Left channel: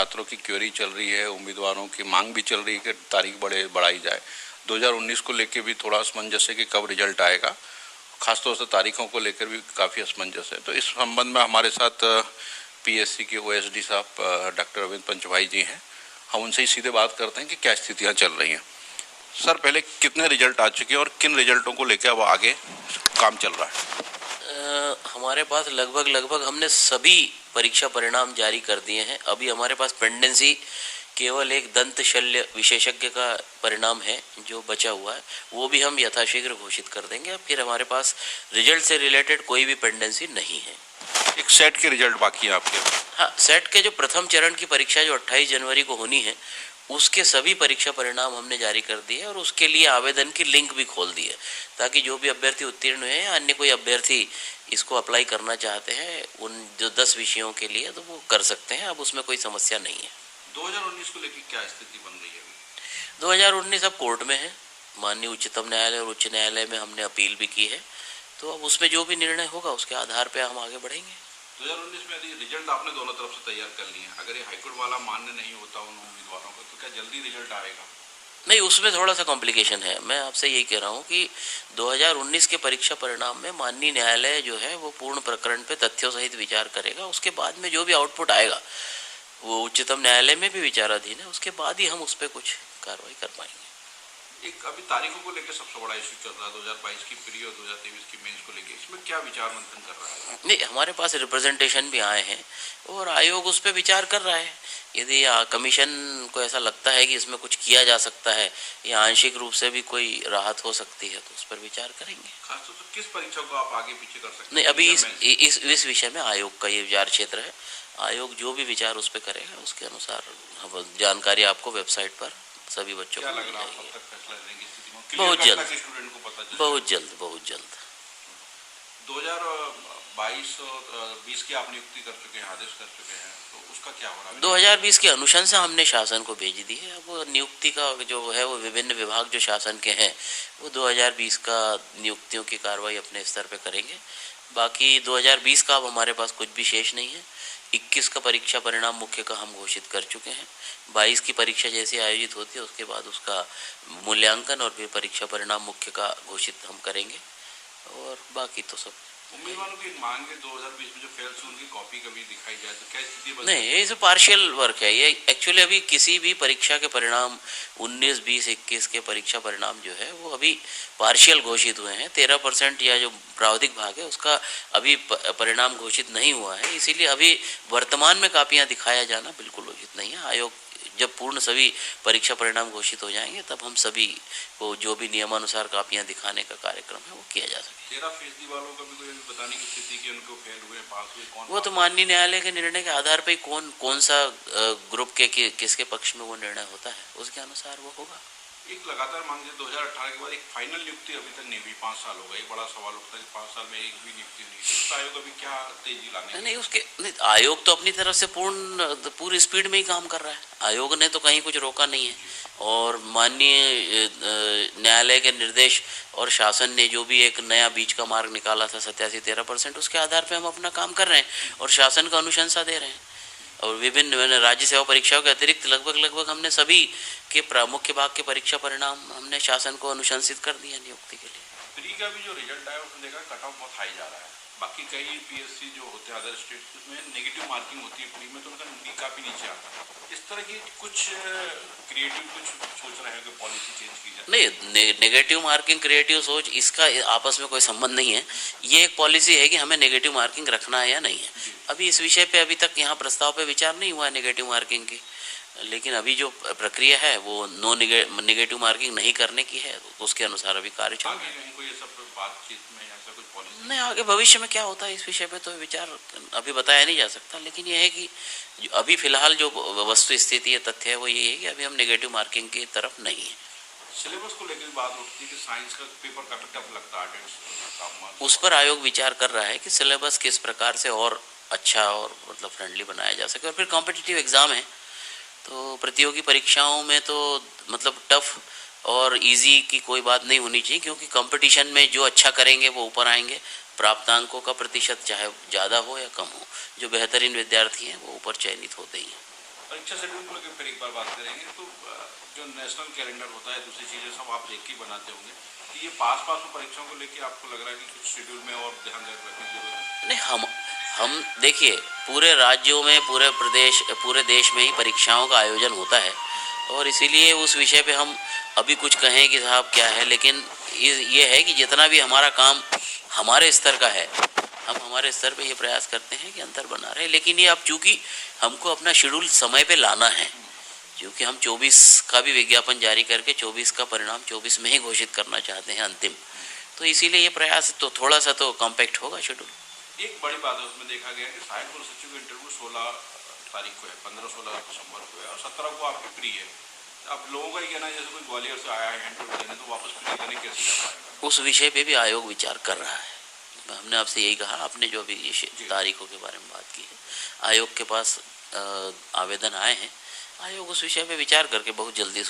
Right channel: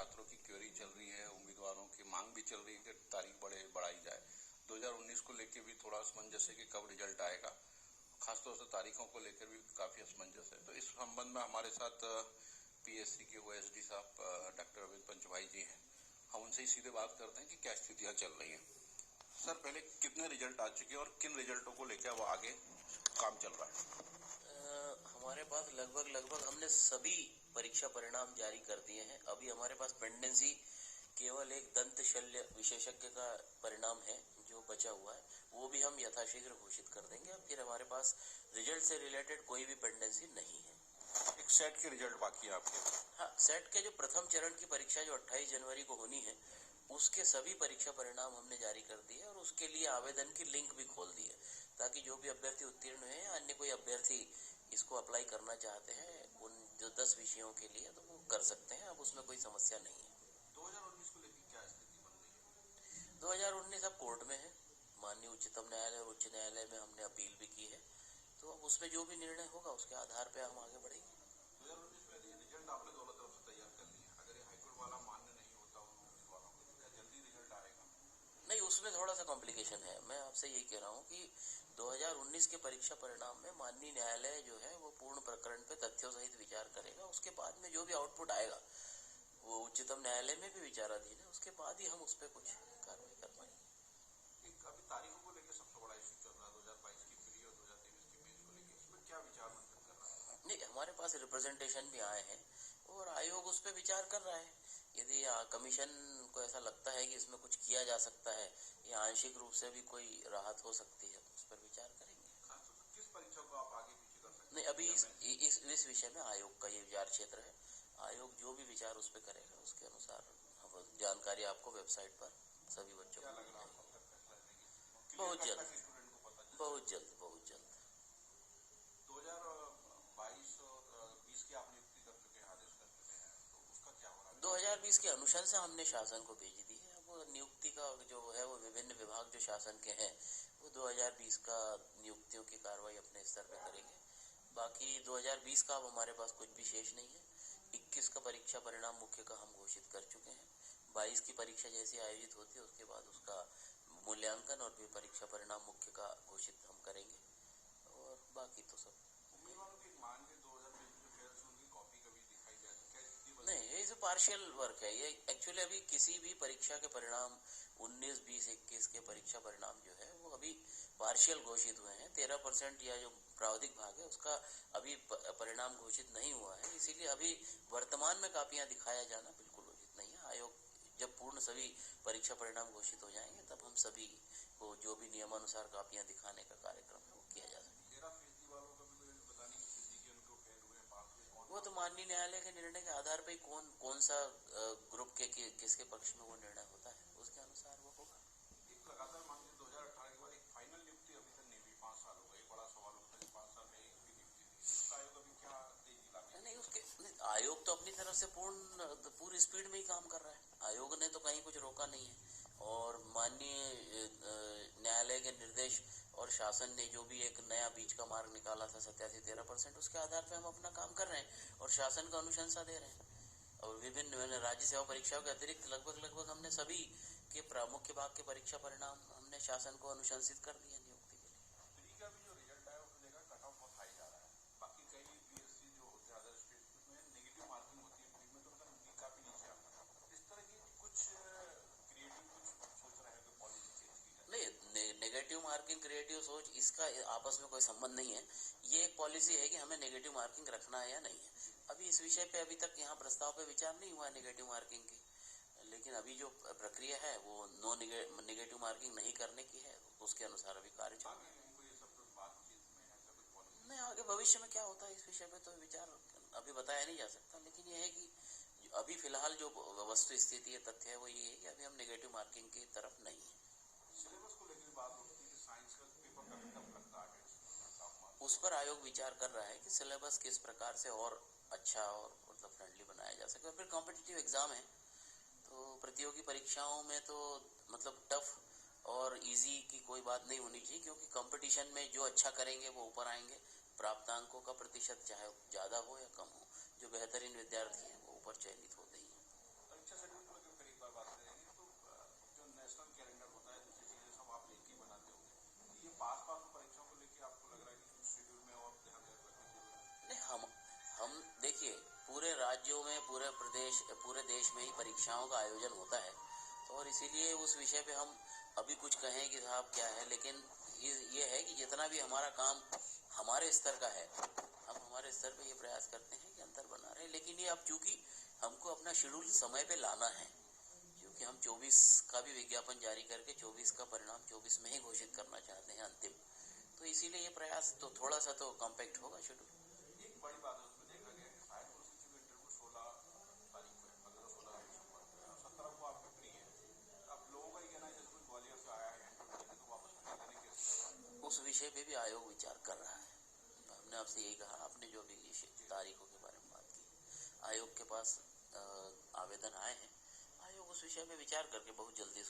छात्रों की क्वेरी चल रही है, उम्मीदवारों की मांग भी चल रही है कि तारीख बढ़ाई जाए। 2019 को लेकर भी थोड़ा असमंजस है कि कब रिजल्ट आएगा, खासतौर से तारीखों को लेकर भी काफ़ी असमंजस है। तो इस संबंध में हमारे साथ पीएससी के ओएसडी साहब डॉक्टर अरविंद पंचभाई जी हैं, हम उनसे ही सीधे बात करते हैं कि क्या स्थितियां चल रही हैं। सर, पहले कितने रिजल्ट आ चुके हैं और किन रिजल्टों को लेकर अब आगे काम चल रहा है? हमारे पास लगभग हमने सभी परीक्षा परिणाम जारी कर दिए हैं। अभी हमारे पास पेंडेंसी केवल एक दंत शल्य विशेषज्ञ का परिणाम है जो बचा हुआ है, वो भी हम यथाशीघ्र घोषित कर देंगे। फिर हमारे पास रिजल्ट से रिलेटेड कोई भी पेंडेंसी नहीं है। एक सेट के रिजल्ट बाकी है आपके? हाँ, सेट के जो प्रथम चरण की परीक्षा जो 28 जनवरी को होनी है, उसके सभी परीक्षा परिणाम हमने जारी कर दिए और उसके लिए आवेदन की लिंक भी खोल दी है, ताकि जो भी अभ्यर्थी उत्तीर्ण हुए हैं, अन्य कोई अभ्यर्थी इसको अप्लाई करना चाहते हैं उन जो 10 विषयों के लिए, तो वो कर सकते हैं। अब उसमें कोई समस्या नहीं है। 2019 को लेकर क्या स्थिति बन रही है? 2019 अब कोर्ट में है, माननीय उच्चतम न्यायालय और उच्च न्यायालय में हमने अपील भी की है, तो अब उसमें जो भी निर्णय होगा उसके आधार पर हम आगे बढ़ेंगे। 2019 में यदि रिजल्ट आपने दोनों तरफ से तैयार कर लिए, अगर ये हाईकोर्ट वाला मान्य नहीं होता उन उम्मीदवारों को, तो क्या जल्दी रिजल्ट आएगा? नहीं, उसमें थोड़ा सा कॉम्प्लिकेशन है। मैं आपसे यही कह रहा हूँ कि 2019 के परीक्षा परिणाम में माननीय न्यायालय जो है वो पूर्ण प्रकरण पे तथ्यों सहित विचार करेगा। उसके बाद में जो भी आउटपुट आएगा वो उच्चतम न्यायालय में भी विचाराधीन है, उसके बाद ही हम उस पर कुछ कार्रवाई कर पाएंगे। एक अभी तारीखों को लेकर सबसे बड़ा इशू चल रहा है 2022 की प्री और 2023 की मेंस को लेकर, इसमें क्या विचार मंथन कर रहा है? नहीं, हमारे पास रिप्रेजेंटेशन भी आए हैं और आयोग उस पर विचार कर रहा है। यदि कमीशन को ऐसा लगता है कि इसमें कुछ किया जा सकता है या आंशिक रूप से भी कोई राहत हो सकती है, तो उस पर विचार करेंगे। खासतौर से किस परीक्षा को आप आगे पीछे कर सकते हैं? नहीं, अभी इस विषय में आयोग का ये विचार क्षेत्र है। आयोग जो भी विचार उस पर करेगा उसके अनुसार जानकारी आपको वेबसाइट पर सभी बच्चों को मिल जाएगी। बहुत जल्द, बहुत जल्द, बहुत जल्द। 2022 और 20 की आप नियुक्ति कर चुके हैं, आदेश कर चुके हैं, तो उसका क्या हो रहा है? 2020 की अनुशंसा हमने शासन को भेज दी है। अब वो नियुक्ति का जो है वो विभिन्न विभाग जो शासन के हैं वो 2020 का नियुक्तियों की कार्रवाई अपने स्तर पे करेंगे। बाकी 2020 का अब हमारे पास कुछ भी शेष नहीं है। 21 का परीक्षा परिणाम मुख्य का हम घोषित कर चुके हैं। 22 की परीक्षा जैसे आयोजित होती है उसके बाद उसका मूल्यांकन और फिर परीक्षा परिणाम मुख्य का घोषित हम करेंगे, और बाकी तो सब उम्मीदवारों की मांग है 2020 में जो फेल हुए उनकी कॉपी कभी दिखाई जाए तो क्या स्थिति बन? नहीं, ये पार्शियल वर्क है। ये एक्चुअली अभी किसी भी परीक्षा के परिणाम 19, 20, 21 के परीक्षा परिणाम जो है वो अभी पार्शियल घोषित हुए हैं। 13% या जो प्रावधिक भाग है उसका अभी परिणाम घोषित नहीं हुआ है, इसीलिए अभी वर्तमान में कापियां दिखाया जाना बिल्कुल उचित नहीं है। आयोग जब पूर्ण सभी परीक्षा परिणाम घोषित हो जाएंगे तब हम सभी को जो भी नियमानुसार कापियां दिखाने का कार्यक्रम है वो किया जा सके। 13% वालों का भी कोई बताने की स्थिति कि उनको फेल हुए, पास हुए, कौन? वो तो माननीय न्यायालय के निर्णय के आधार पर कौन सा ग्रुप के किसके पक्ष में वो निर्णय होता है उसके अनुसार वो होगा। एक लगातार मांग है 2018 के बाद एक फाइनल नियुक्ति अभी तक नहीं हुई, 5 साल हो गए। बड़ा सवाल उठता है कि 5 साल में एक भी नियुक्ति नहीं हुई, तो आयोग अभी क्या तेजी लाने? नहीं, उसके आयोग तो अपनी तरफ से पूरी स्पीड में ही काम कर रहा है। आयोग ने तो कहीं कुछ रोका नहीं है, और माननीय न्यायालय के निर्देश और शासन ने जो भी एक नया बीच का मार्ग निकाला था 87-13%, उसके आधार पर हम अपना काम कर रहे हैं और शासन का अनुशंसा दे रहे हैं। और विभिन्न राज्य सेवा परीक्षाओं के अतिरिक्त लगभग हमने सभी के मुख्य भाग के परीक्षा परिणाम हमने शासन को अनुशंसित कर दिया नियुक्ति के लिए। प्री का भी जो रिजल्ट आया उसमें देखा कट ऑफ बहुत हाई जा रहा है। बाकी कई पीएससी जो होते हैं अदर स्टेट उसमें नेगेटिव मार्किंग होती है प्री में, तो उनका काफी नीचे आता है। इस तरह की कुछ क्रिएटिव कुछ सोच रहे हैं कि पॉलिसी चेंज की जाए? नहीं, नेगेटिव मार्किंग क्रिएटिव सोच इसका आपस में कोई संबंध नहीं है। ये एक पॉलिसी है कि हमें नेगेटिव मार्किंग रखना है या नहीं है। अभी इस विषय पे अभी तक यहाँ प्रस्ताव पे विचार नहीं हुआ है नेगेटिव मार्किंग की, लेकिन अभी जो प्रक्रिया है वो नेगेटिव मार्किंग नहीं करने की है, उसके अनुसार अभी कार्य चल रहा है। नहीं, आगे भविष्य में क्या होता है इस विषय पे तो विचार अभी बताया नहीं जा सकता, लेकिन यह है कि अभी फिलहाल जो वस्तु स्थिति है, तथ्य है, वो ये है कि अभी हम नेगेटिव मार्किंग की तरफ नहीं है। सिलेबस को लेकर बात उठती है कि साइंस का पेपर काफी टफ लगता है, उस पर आयोग विचार कर रहा है कि सिलेबस किस प्रकार से और अच्छा और मतलब फ्रेंडली बनाया जा सके। और फिर कॉम्पिटिटिव एग्जाम है, तो प्रतियोगी परीक्षाओं में तो मतलब टफ और इजी की कोई बात नहीं होनी चाहिए, क्योंकि कंपटीशन में जो अच्छा करेंगे वो ऊपर आएंगे। प्राप्तांकों का प्रतिशत चाहे ज़्यादा हो या कम हो, जो बेहतरीन विद्यार्थी हैं वो ऊपर चयनित होते ही हैं। परीक्षा शेड्यूल को लेकर फिर एक बार बात करेंगे। तो जो नेशनल कैलेंडर होता है, दूसरी चीज़ें सब आप देख के बनाते होंगे, कि ये पास में परीक्षाओं को लेकर आपको लग रहा है कि कुछ शेड्यूल में और ध्यान रखने की जरूरत है? नहीं, हम देखिए, पूरे राज्यों में, पूरे देश में ही परीक्षाओं का आयोजन होता है, और इसीलिए उस विषय पे हम अभी कुछ कहें कि साहब क्या है, लेकिन ये है कि जितना भी हमारा काम हमारे स्तर का है, हम हमारे स्तर पे ये प्रयास करते हैं कि अंतर बना रहे। लेकिन ये अब चूंकि हमको अपना शेड्यूल समय पे लाना है, क्योंकि हम 24 का भी विज्ञापन जारी करके 24 का परिणाम 24 में ही घोषित करना चाहते हैं अंतिम, तो इसीलिए ये प्रयास तो थोड़ा सा तो कॉम्पैक्ट होगा शेड्यूल। एक बड़ी बात है उसमें देखा गया कि सहायक कुल सचिव का इंटरव्यू 16 तारीख को है, 15-16 दिसंबर को है, और 17 को आपकी प्री है। अब लोगों का ये कहना है जैसे कोई ग्वालियर से आया है इंटरव्यू देने, तो वापस प्री देने कैसे जा पाएगा? उस विषय पे भी आयोग विचार कर रहा है। हमने आपसे यही कहा, आपने जो अभी ये तारीखों के बारे में बात की है, आयोग के पास आवेदन आए हैं, आयोग उस विषय पे विचार करके बहुत जल्दी